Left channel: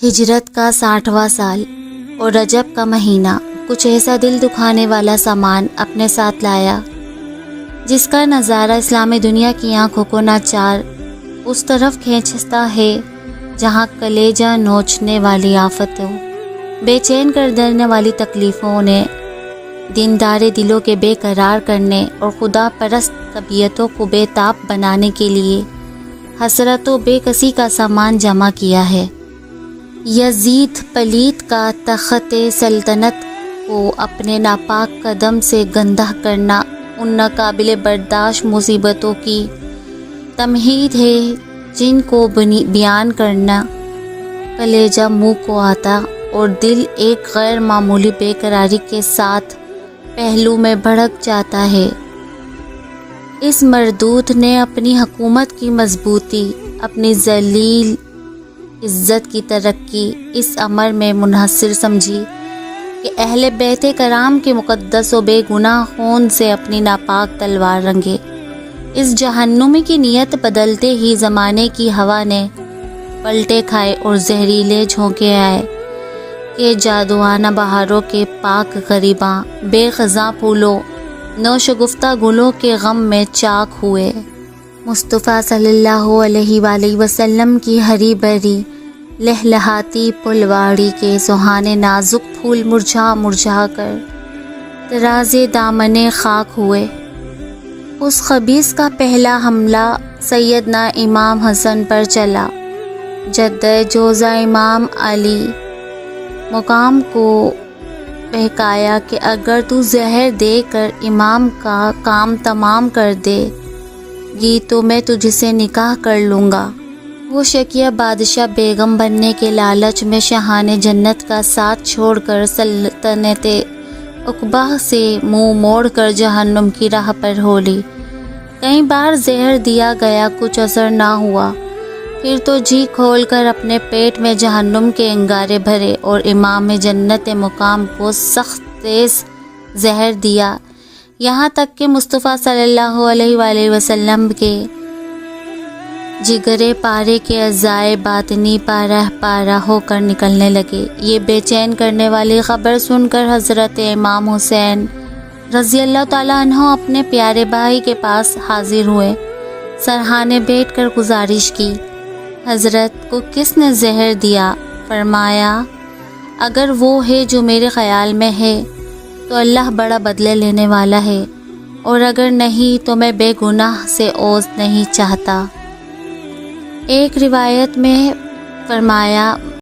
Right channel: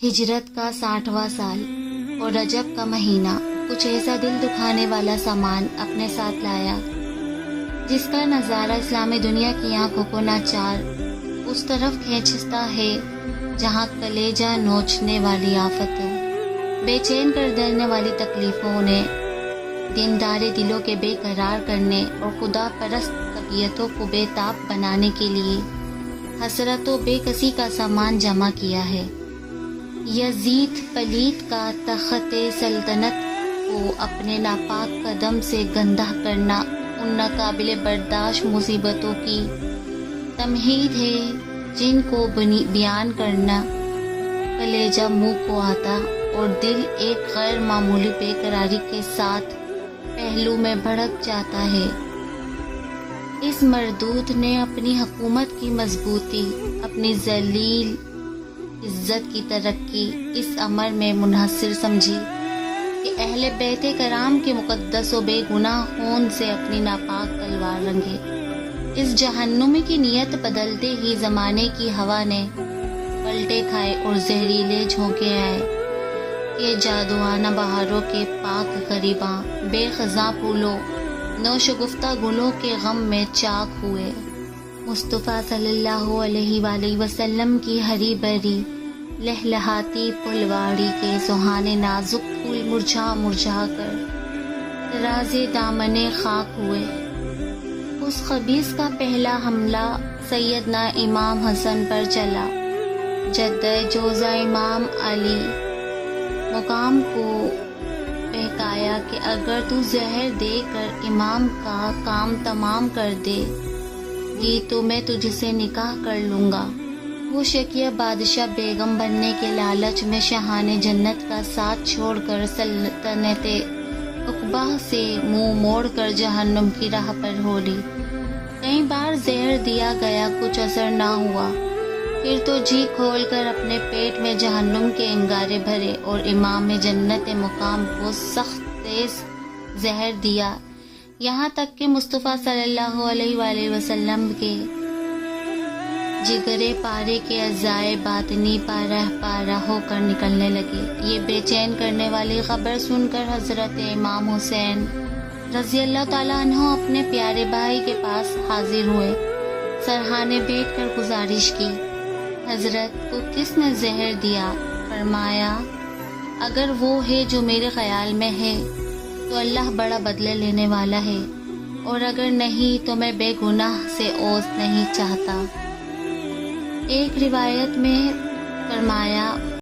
ہجرت کا 60واں سال اور رجب کا مہینہ کچھ ایسا دل دکھانے والا سامان اپنے ساتھ لایا جس کا نظارہ اسلامی دنیا کی آنکھوں کو ناچار اس طرف کھینچتا ہے جہاں کلیجہ نوچنے والی آفتوں، بے چین کر دینے والی تکلیفوں نے دیندار دلوں کے بے قرار کرنے اور خدا پرست طبیعتوں کو بے تاب بنانے کے لیے حسرت و بے کسی کا سامان جمع کیا ہے۔ یزید پلیت کا تخت سلطنت کو اپنے ناپاک قدم سے گندہ کرنا ان ناقابل برداشت مصیبتوں کی تمہید ہے جن کو بیان کرنا کلیجہ منہ کو آتا اور دل ایک غیر معمولی بے قراری کے ساتھ پہلو میں بھڑک جاتا ہے۔ اس مردود نے اپنی حکومت کی مضبوطی، اپنی ذلیل عزت کی ترقی اس امر میں منحصر سمجھی کہ اہل بیت کرام کے مقدس و بے گناہ خون سے اپنی ناپاک تلوار رنگے۔ اس جہنمی کی نیت بدلتے ہی زمانے کی ہوا نے پلٹے کھائے اور زہریلے جھونکے آئے کہ جادوانہ بہاروں کے پاک غریباں بے خزاں پھولوں، نوشگفتہ گلوں کے غم میں چاک ہوئے۔ مصطفیٰ صلی اللہ علیہ وآلہ وسلم کی ہری بھری لہلہاتی پھلواڑی کے سہانے نازک پھول مرجھا مرجھا کر ترازے دامنے خاک ہوئے۔ اس خبیث کا پہلا حملہ سیدنا امام حسن پر چلا۔ جدہ جوزہ امام علی مقام کو بہکایا کہ اگر تو زہر دے کر امام کا کام تمام کر دے گی تو میں تجھ سے نکاح کر لوں گا۔ وہ شکیہ بادشاہ بیگم بننے کے لالچ میں شاہان جنت کا ساتھ چھوڑ کر سلطنت عقبہ سے منہ موڑ کر جہنم کی راہ پر ہو لی۔ کئی بار زہر دیا گیا، کچھ اثر نہ ہوا، پھر تو جی کھول کر اپنے پیٹ میں جہنم کے انگارے بھرے اور امام جنت مقام کو سخت تیز زہر دیا، یہاں تک کہ مصطفیٰ صلی اللہ علیہ وآلہ وسلم کے جگرے پارے کے اعضائے باطنی پارہ پارہ ہو کر نکلنے لگے۔ یہ بے چین کرنے والی خبر سن کر حضرت امام حسین رضی اللہ تعالیٰ عنہ اپنے پیارے بھائی کے پاس حاضر ہوئے، سرہانے بیٹھ کر گزارش کی، حضرت کو کس نے زہر دیا؟ فرمایا، اگر وہ ہے جو میرے خیال میں ہے تو اللہ بڑا بدلہ لینے والا ہے، اور اگر نہیں تو میں بے گناہ سے عوض نہیں چاہتا۔ ایک روایت میں فرمایا،